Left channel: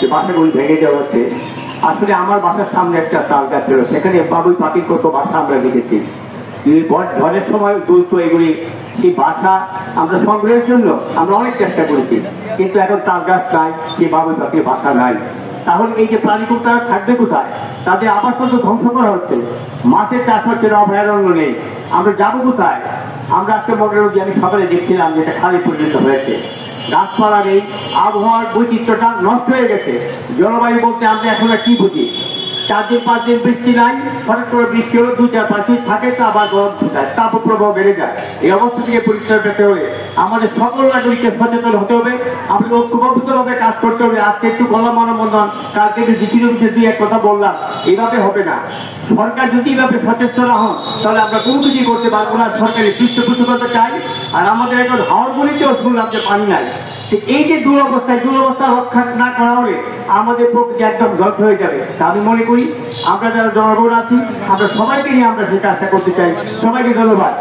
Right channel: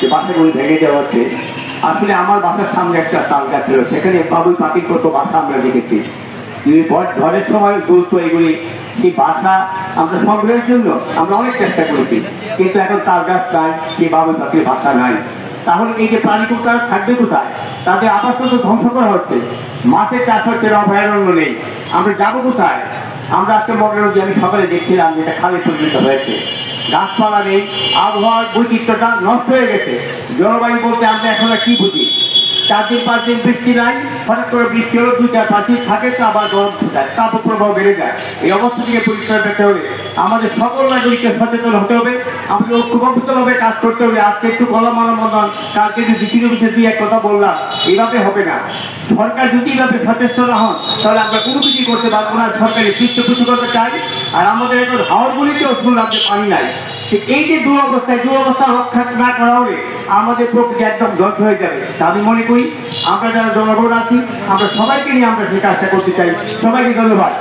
যে বাসাগুলো ভেঙে দেওয়া হচ্ছে। আসলে আমার বাসার সামনে একটা তাল গাছ ছিল, সেখানে বাবুই পাখির কত বাসা আমরা দেখেছি। ঝড়ের সময় দুলতো এগুলি, সেই বাসা আমরা সংগ্রহের জন্য আমরা অনেক চেষ্টা করেছি, কিন্তু এখন তাল গাছ নাই, সেই বাবুই পাখির বাসা নাই। তাহলে এই যে প্রাণীগুলো তারা থাকবে কোথায়? তাদের আবাসস্থল ধ্বংস করা হচ্ছে, মাছের চাষ হচ্ছে, অভয়ারণ্য নেই, আমরা যাবো কোথায়? আমরা আজকে মডেল আমি সকালে দেখছিলাম যে এটা খালে পরিণত হয়েছে, গাছপালা নেই, আবহাওয়ার বৈচিত্র্যটা নষ্ট হয়ে গেছে। জলবায়ু বলতে আমরা এখন কি বুঝি? 4 দিন 5 দিন বৃষ্টি নাই, হঠাৎ করে বৃষ্টি হলো 2-4-5 দিন থাকে, তো আবার গরম যায়, তাপপ্রবাহ বেড়ে যায়। এই অবস্থা থেকে পরিচয় পেতে হলে আমাদের সকল নাগরিককে সচেতন হতে হবে, আমাদের ঐক্যবদ্ধভাবে কাজ করতে হবে। আজকে একটু গলা মানবন্ধন, কালকে যে দ্বিতীয় বিষয়ে 2-1 কথা বললাম, এইভাবে হবে না। সরকার যদি এইভাবে সচেতন না হন, তাহলে আমরা কোনো কিছুই করতে পারবো না। সরকারের পৃষ্ঠপোষকতা চাই, আর আমাদের এখন হাওড়গুলিতেও শুনলাম যে পানি নাই। এই যে দুরবস্থা রক্ষা না করা হলে আমাদের প্রকৃতি একদম ধ্বংস হয়ে যাবে। তা আমি মনে করি আমরা যারা জনগণ আছি, আমরা সবাইকে নিয়ে আমরা সেই কাজটা করতে চাই। সবাইকে ধন্যবাদ।